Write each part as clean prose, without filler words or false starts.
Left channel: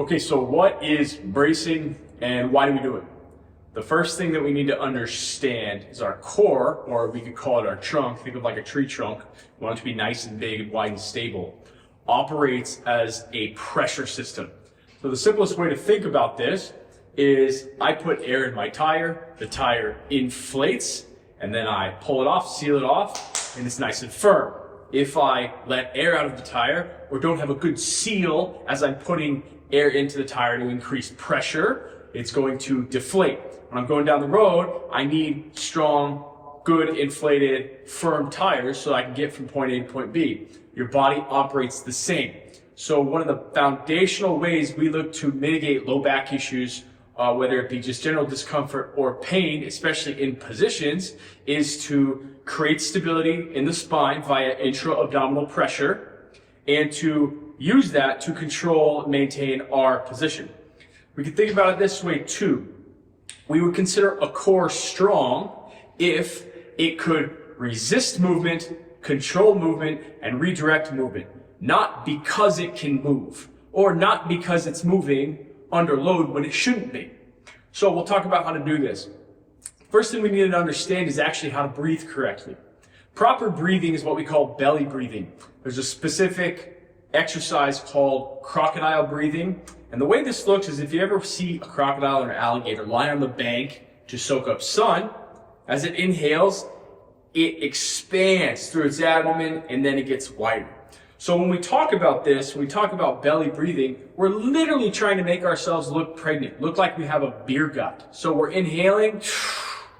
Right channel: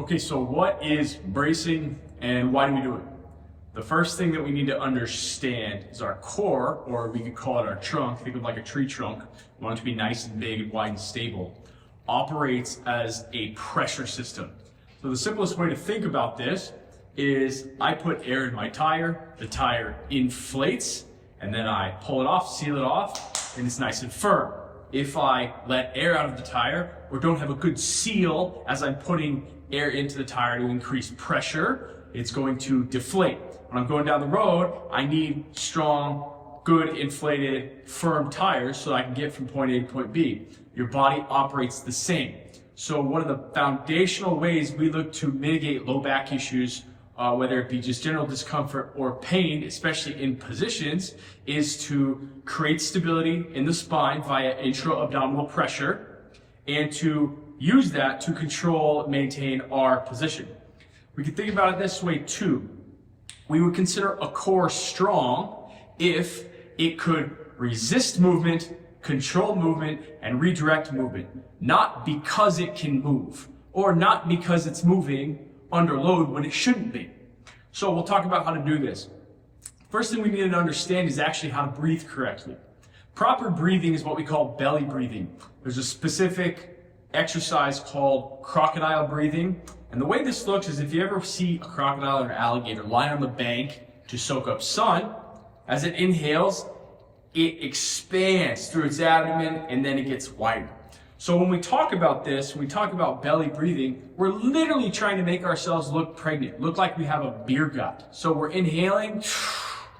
Okay, so what is bracing and why do we do it? The first thing that we need to understand is our core, or we could call it our trunk. Think of like a tree trunk. We want it to be nice and big and wide and stable. Operates as a pressure system. So the simplest way to think about this is I put air in my tire, the tire inflates, and then I pull it off, seal it off, and it's nice and firm. If I let air out of the tire or don't have a good seal as I'm putting air into the tire to increase pressure, it's going to deflate. When I'm going down the road, I need strong, good, inflated, firm tires so I can get from point A to point B. Your body operates the same. So one of the foundational ways we look to mitigate low back issues, whether it be just general discomfort or pain, especially in positions, is to create stability in the spine via intra-abdominal pressure and to use that to control and maintain our position. We can think about it this way too. We would consider a core strong if it could resist movement, control movement, and redirect movement. Not because it can move, or not because it's moving under load when it shouldn't be. So we'll talk about how to do this. First thing we need to understand is actually how to breathe correctly. Proper breathing is what we call belly breathing. There's a specific exercise called crocodile breathing. And the way this looks is if you ever see a crocodile or an alligator lie on the bank to soak up sun, as it inhales, it expands through its abdomen and then it gets wider. So when we talk about this, when we talk about belly breathing, we're literally trying to make ourselves look pregnant, look like we have a beer gut. So we're inhaling,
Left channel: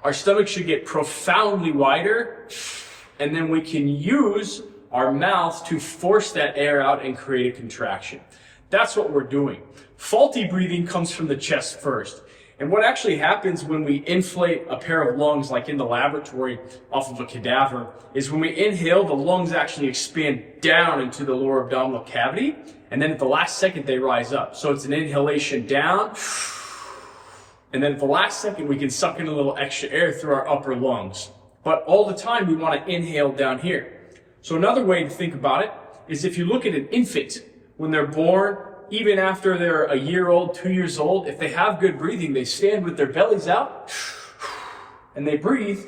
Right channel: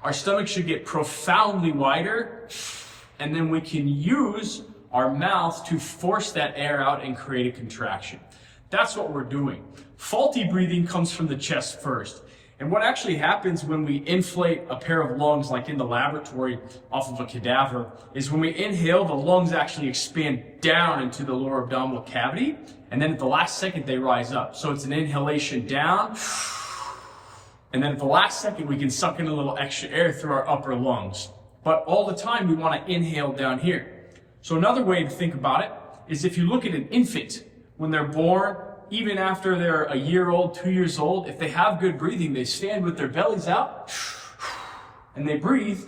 our stomach should get profoundly wider, and then we can use our mouth to force that air out and create a contraction. That's what we're doing. Faulty breathing comes from the chest first. And what actually happens when we inflate a pair of lungs, like in the laboratory off of a cadaver, is when we inhale, the lungs actually expand down into the lower abdominal cavity, and then at the last second they rise up. So it's an inhalation down, and then at the last second we can suck in a little extra air through our upper lungs. But all the time we want to inhale down here. So another way to think about it is if you look at an infant, when they're born, even after they're a year old, 2 years old, if they have good breathing, they stand with their bellies out and they breathe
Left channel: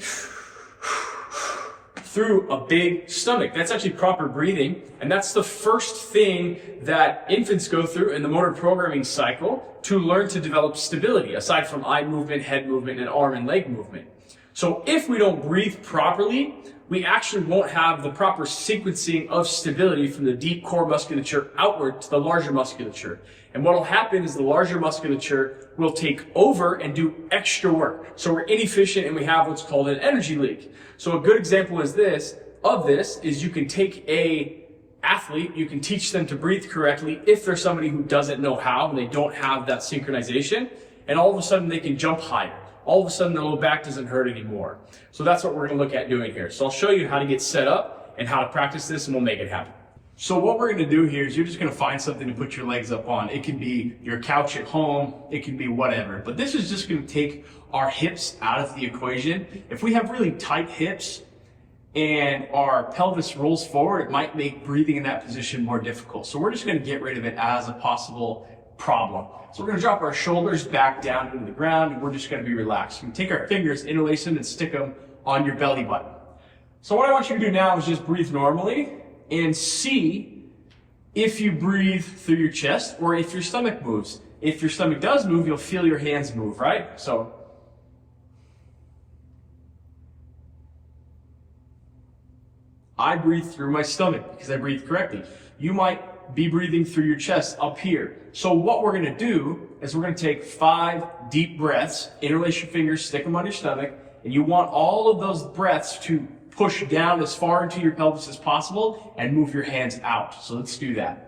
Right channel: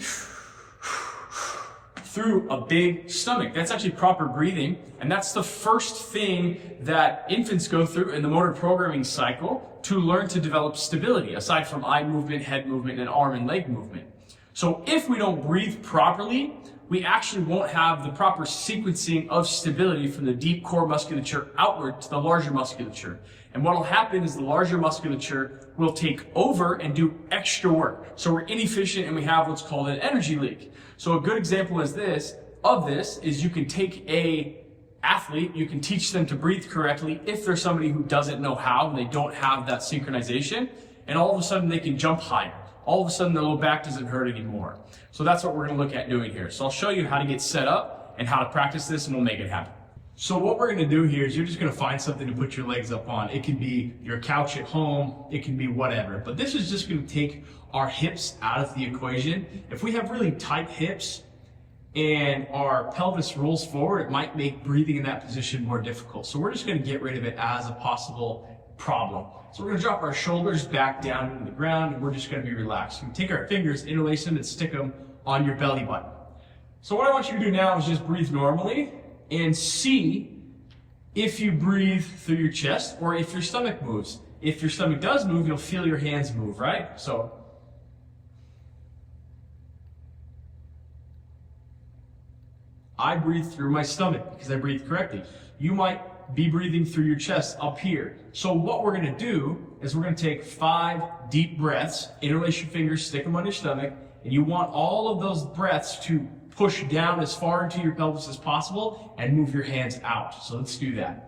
through a big stomach. That's actually proper breathing. And that's the first thing that infants go through in the motor programming cycle to learn to develop stability, aside from eye movement, head movement, and arm and leg movement. So if we don't breathe properly, we actually won't have the proper sequencing of stability from the deep core musculature outward to the larger musculature. And what will happen is the larger musculature will take over and do extra work. So we're inefficient and we have what's called an energy leak. So a good example is you can take a athlete, you can teach them to breathe correctly if they're somebody who doesn't know how and they don't have that synchronization, and all of a sudden they can jump higher. All of a sudden the low back doesn't hurt anymore. So that's what we're going to look at doing here. So I'll show you how to get set up and how to practice this, and we'll make it happen. So what we're going to do here is you're just going to find something to put your legs up on. It can be your couch at home, it can be whatever. But this is just going to take our hips out of the equation. If we have really tight hips and our pelvis rolls forward, it might make breathing in that position more difficult. So we're just going to get rid of it as a possible problem. So we're going to drop our shoulders back down into the ground, and we're just going to be relaxed. We take our fingers, interlace them, and stick them on your belly button. So what I want you to do now is just breathe normally and see if you breathe through your chest or if your stomach moves. If your stomach does move, you'll feel your hands move, right? So I breathe through my stomach because I breathe correctly. You might be breathing through your chest up here. So what we're going to do is we're going to take 5 deep breaths, interlace your fingers, stick them on your stomach, and you want all of those breaths to push down as far into your pelvis as possible and move your hands out. So let's do that.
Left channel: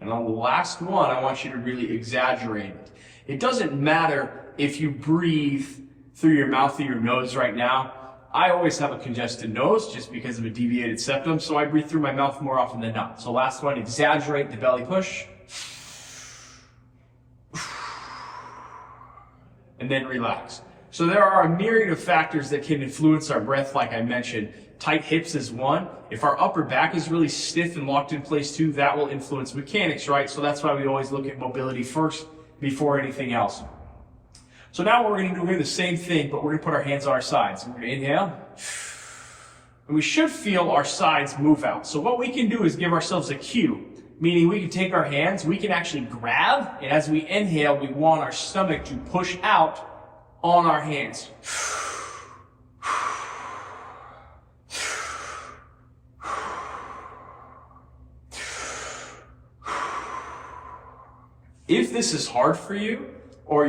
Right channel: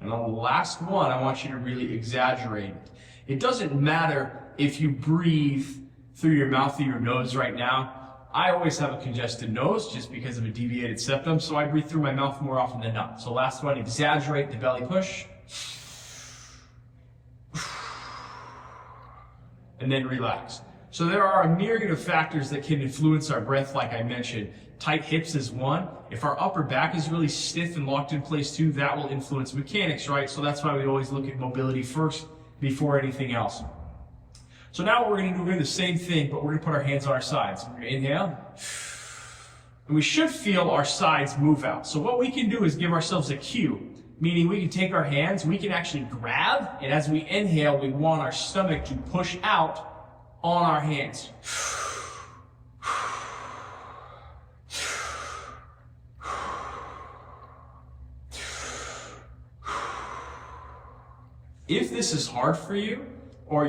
And on the last one, I want you to really exaggerate it. It doesn't matter if you breathe through your mouth or your nose right now. I always have a congested nose just because of a deviated septum, so I breathe through my mouth more often than not. So last one, exaggerate the belly push. And then relax. So there are a myriad of factors that can influence our breath, like I mentioned. Tight hips is one. If our upper back is really stiff and locked in place too, that will influence mechanics, right? So that's why we always look at mobility first before anything else. So now what we're going to do here, the same thing, but we're going to put our hands on our sides. We're going to inhale. And we should feel our sides move out. So what we can do is give ourselves a cue, meaning we can take our hands, we can actually grab, and as we inhale, we want our stomach to push out on our hands. If this is hard for you, or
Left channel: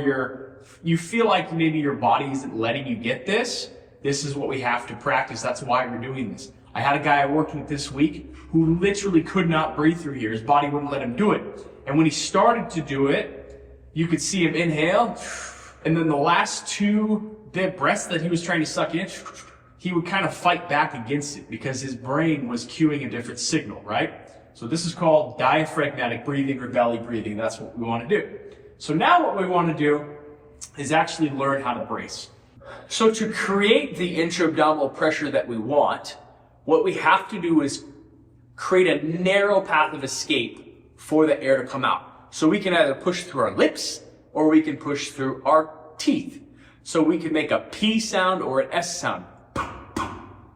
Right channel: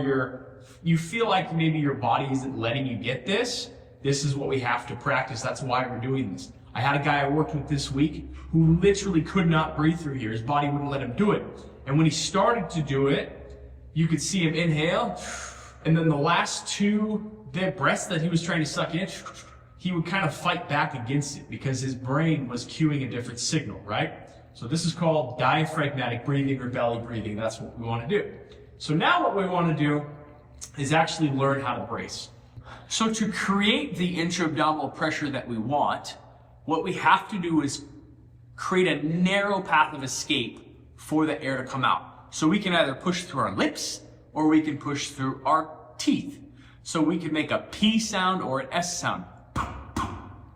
you feel like maybe your body isn't letting you get this, this is what we have to practice. That's why we're doing this. I had a guy I worked with this week who literally could not breathe through here. His body wouldn't let him do it. And when he started to do it, you could see him inhale, and then the last two breaths that he was trying to suck in, he would kind of fight back against it because his brain was cueing a different signal, right? So this is called diaphragmatic breathing or belly breathing. That's what we want to do. So now what we want to do is actually learn how to brace. So to create the intra-abdominal pressure that we want, what we have to do is create a narrow path of escape for the air to come out. So we can either push through our lips or we can push through our teeth. So we can make a P sound or an S sound.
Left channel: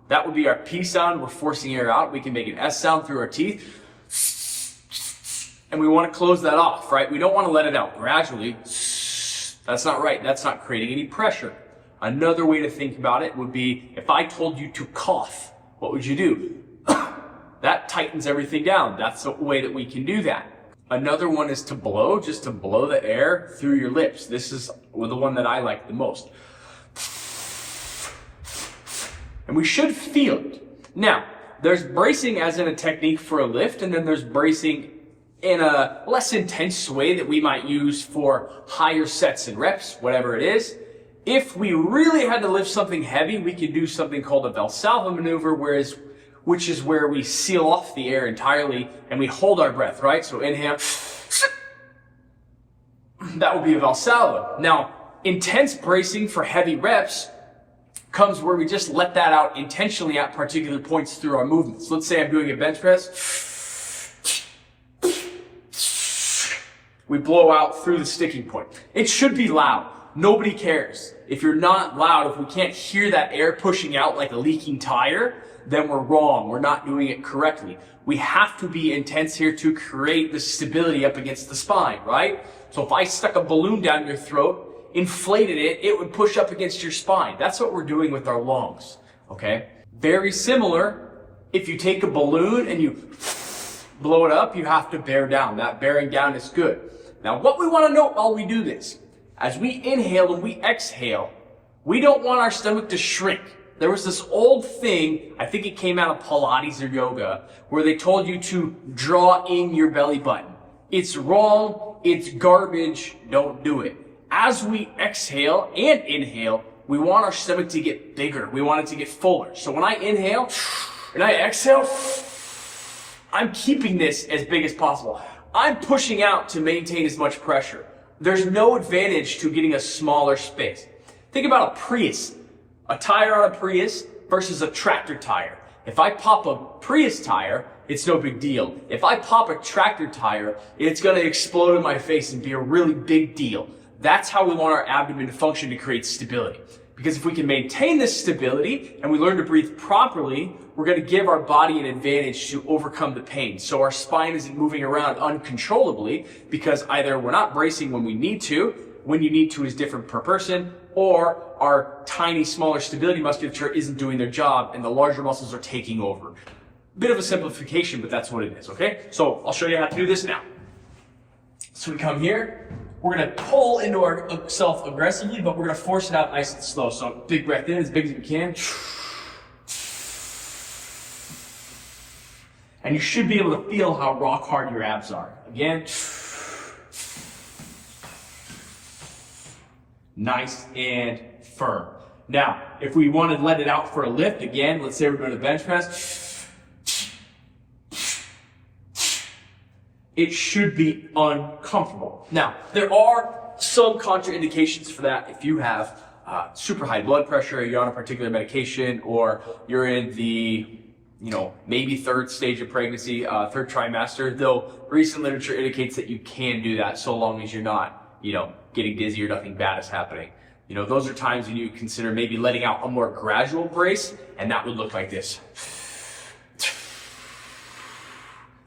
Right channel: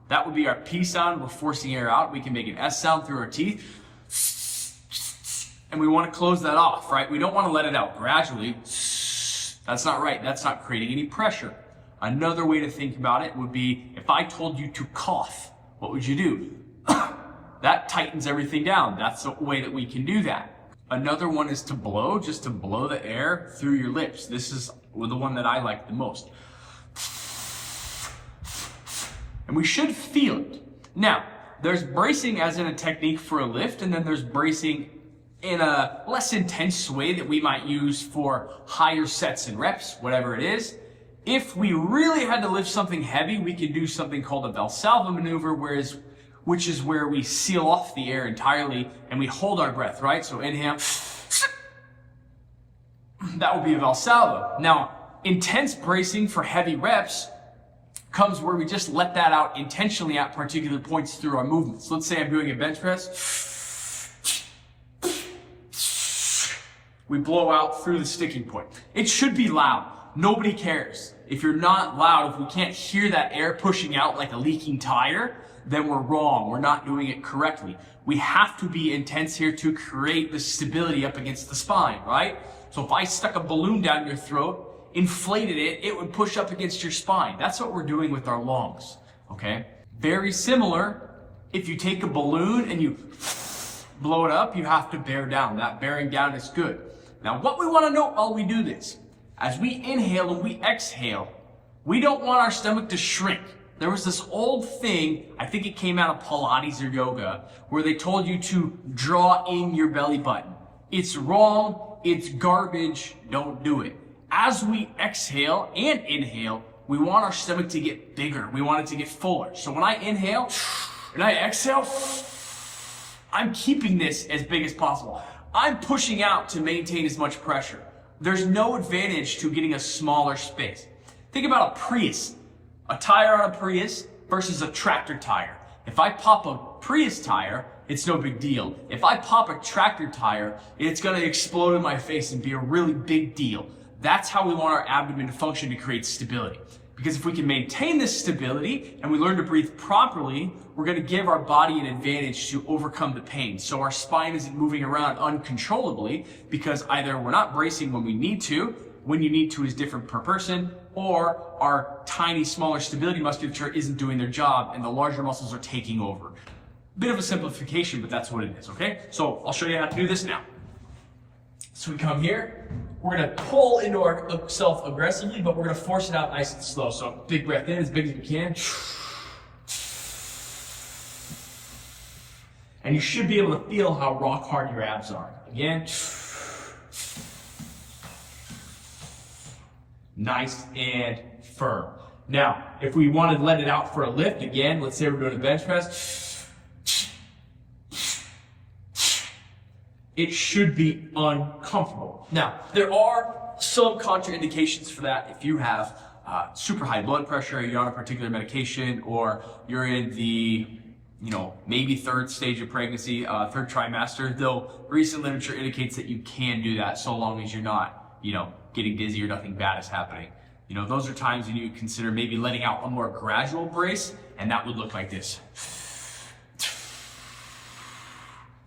That would be our P sound. We're forcing air out. We can make an S sound through our teeth. And we want to close that off, right? We don't want to let it out gradually. That's not right. That's not creating any pressure. Another way to think about it would be if I told you to cough, what would you do? That tightens everything down. That's the way that we can do that. Another one is to blow, just to blow the air through your lips. This is the one that I like the most. And we should feel it. Now, there's bracing as in a technique for a lift, and then there's bracing in a less intense way that we might use for higher sets and reps, whatever it is. If we really had to lift something heavy, we could do something called a Valsalva maneuver, which is where we seal off the air entirely and we hold our breath, right? So inhale. That would be a Valsalva. Now, intense bracing for heavy reps comes where we just let that out intentionally at particular points through our movements. Let's say I'm doing a bench press. We blow out through the sticking point. It should be loud. Nobody cares. If you're not loud, if we can't hear that air pushing out like a leaking tire, then we're wrong. We're not doing it correctly. We have to be intense here to create the stability up against the spine, right? So if I stuck a balloon down your throat, inflated it, it would push up against your spine. That's what we're doing with our lungs, okay? Very similar, if you take a balloon and you blow it up, you have to bear down. That bearing down is good. Now, what we want to note while we do this, as we inhale and we exhale, we don't want our stomach to shrink. There was this old thing, I think it came out of Pilates or yoga, where they told you to draw in your belly button. It's wrong, it's garbage, don't do it. As we exhale and inhale, we want our stomach to get bigger. We want it to get fuller. So when I inhale and I exhale, I'm keeping this as big as possible. I'm pushing out to maintain as much pressure. There's no advantage to getting a smaller space. Think about a Prius, a tire on a Prius versus a tractor tire. If I pop a Prius tire, it's no big deal. If I pop a tractor tire, it's gonna explode in my face and be a really big deal. That's how we want our abdomen to function to create stability. Because if we can maintain this stability and we learn to breathe properly, we're going to give our body an advantage to overcome the pain. So our spine isn't moving around uncontrollably because either we're not bracing when we need to, when you need to is different per person, or our tiny, smaller stability musculature isn't doing their job and the larger muscles are taking over. Bit of a simplification, but that's what it is, okay? So I'll show you how to do this now. So we come here. We're going to pull into ourselves aggressively, but we're going to force it out nice and slow. So big breath in, as big as we can. And you should be able to feel how rock hard your abs are. Again. Nice and firm. Now, if we want to let it out for a lift, again, let's say we're doing a bench press, it should be uncomfortable. Now, there are some contraindications for that. If you have super high blood pressure, you're on a particular medication, or you're in the maybe third stage of pregnancy, third trimester, though recent literature indicates that you can do that so long as you're not, getting dizzy or nothing bad is happening. Those are times when you consider maybe letting out a more gradual brace, and that would look like this.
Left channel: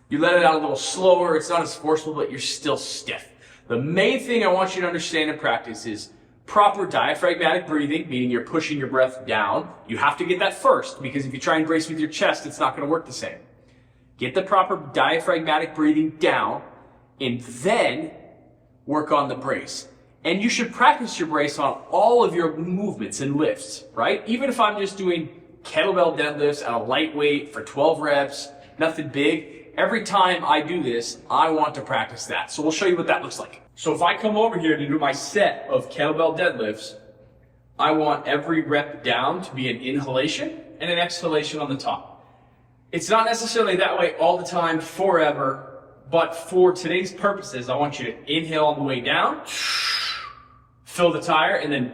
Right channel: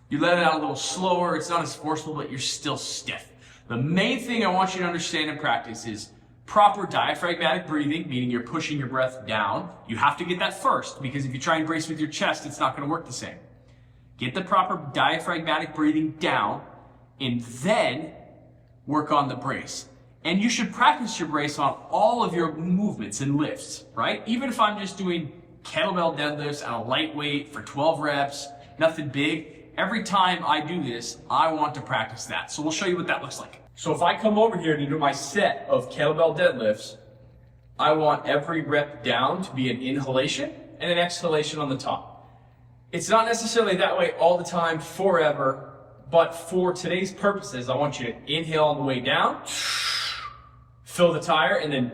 You let it out a little slower, it's not as forceful, but you're still stiff. The main thing I want you to understand and practice is proper diaphragmatic breathing, meaning you're pushing your breath down. You have to get that first, because if you try and brace with your chest, it's not going to work the same. Get the proper diaphragmatic breathing down, and then work on the brace. And you should practice your brace on all of your movements and lifts, right? Even if I'm just doing kettlebell deadlifts at a light weight for 12 reps, nothing big, every time I do this, I want to practice that. So we'll show you what that looks like. So if I come over here to do my set of kettlebell deadlifts, I want every rep down to be an inhalation and an exhalation on the top. It's not necessarily that way all the time forever, but for today's purposes, I want you to inhale on the way down, fill the tire, and then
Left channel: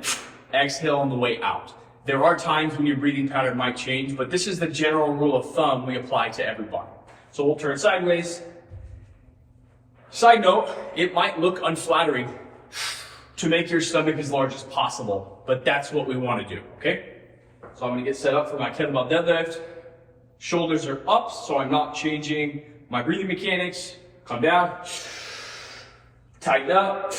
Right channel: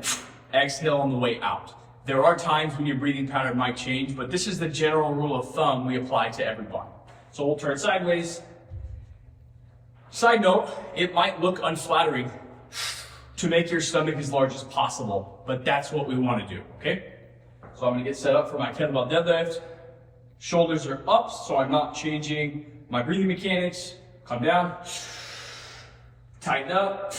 exhale on the way out. There are times when your breathing pattern might change, but this is the general rule of thumb we apply to everybody. So we'll turn sideways. Side note, it might look unflattering to make your stomach as large as possible, but that's what we want to do, okay? So I'm going to get set up for my kettlebell deadlift. Shoulders are up, so I'm not changing my breathing mechanics. Come down, tighten up.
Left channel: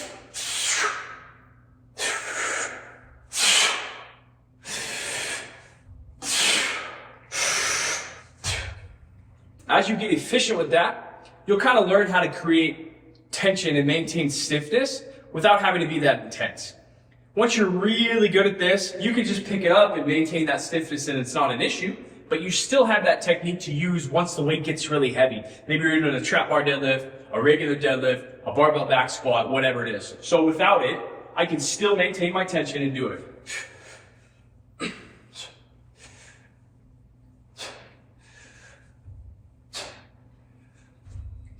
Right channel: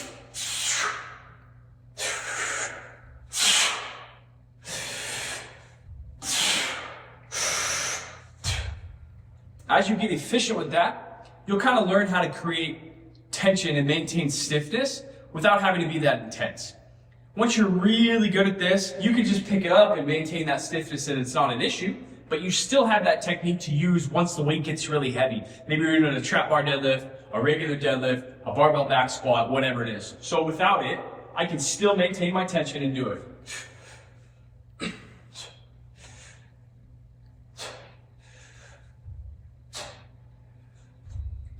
As you get efficient with that, you'll kind of learn how to create tension and maintain stiffness without having to be that intense. Once you're really good at this, you can just pick it up and maintain that stiffness and it's not an issue, but you still have that technique to use once the weight gets really heavy. Maybe you're doing a trap bar deadlift, a regular deadlift, a barbell back squat, whatever it is. So without it, I can still maintain my tension and do it.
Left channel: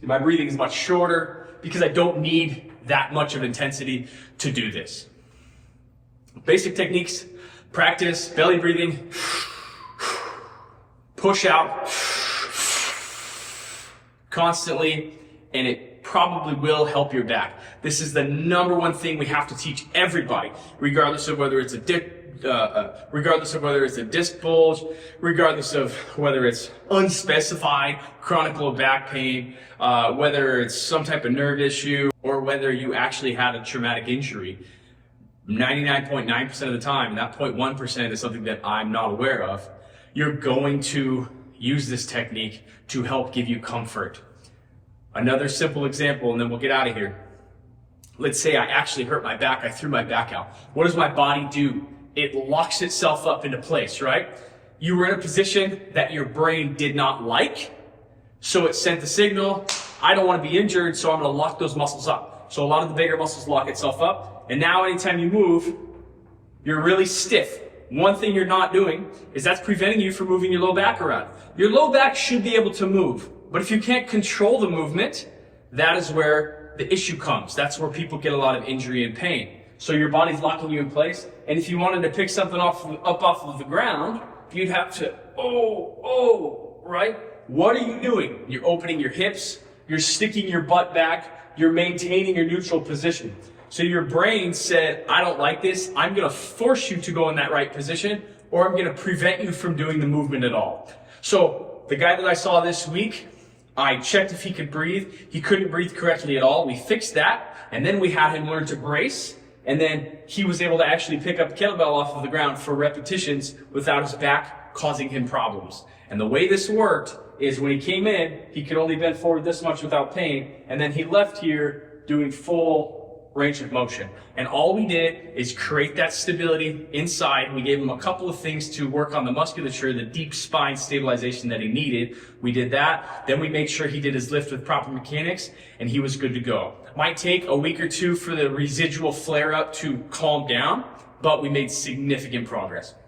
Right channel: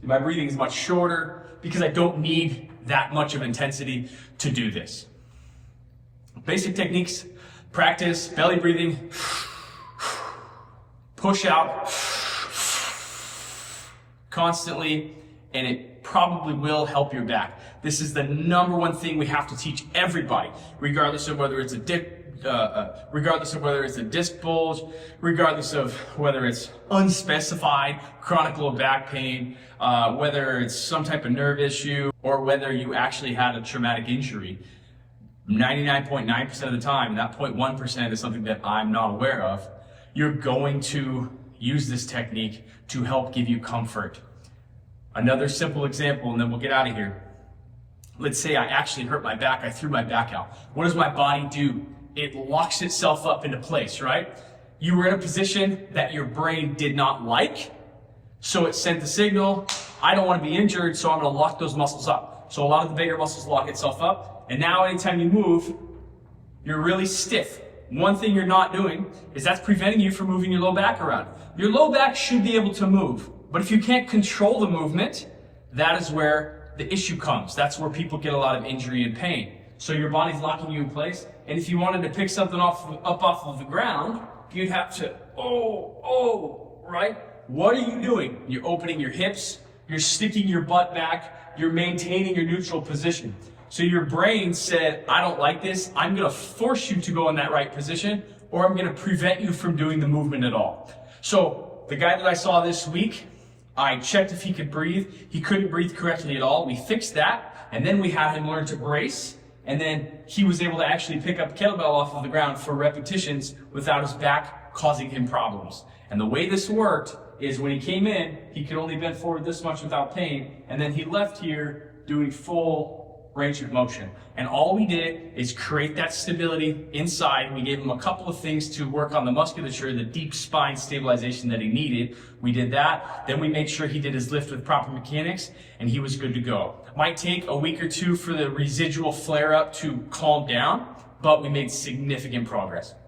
My breathing is much shorter because I don't need that much of intensity to do this. Basic techniques, practice belly breathing, push out constantly, and it probably will help your back. This is the number one thing we have to teach everybody, regardless of whether it's a disc bulge, regardless of whether it's unspecified chronic low back pain, whether it's some type of nerve issue, or whether you actually had a traumatic injury. 99.9% of the time, and that 0.1% is something that I'm not aware of, you're going to use this technique to help give you comfort. Another simple example, and then we'll get out of here. Let's say I actually hurt my back, I threw my back out. What does my body do? It locks itself up into place, right? You were in a position that your brain did not like, so it sent the signal, I don't want to be injured, so I'm going to lock those muscles up. So a lot of the bigger muscles lock itself up, and now anytime you move, you're really stiff. One thing you're not doing is that's preventing you from moving your low back around. Your low back should be able to move, but if you can't control the movement, that is where the issue comes. That's where people get a lot of injury and pain. So your body's locking you in place, and if you wanted to pick something up off of the ground, you'd have to, right? What are you doing? You're opening your hips, you're sticking your butt back, you're maintaining your neutral position. So your brain said, I don't like this, I'm gonna force you to go in that right position, or I'm gonna prevent you from doing the movement at all. So the guy that I saw this week, I checked if he could breathe. He couldn't breathe correctly at all. We fixed that, and then we had him learn to brace, and then he was able to actually pick up a kettlebell off of the ground for repetitions without his back causing him problems. And the way this worked is when he came in, he could only bend forward this much without pain, and then he left here doing full range of motion. And all we did is create that stability inside. We gave him a couple of things to work on the musculature, the deep spine stabilization that he needed. We did that. Then we made sure he did his lift with proper mechanics, and he was good to go. Might take a week or two for the residual flare up to calm down, but we made significant progress.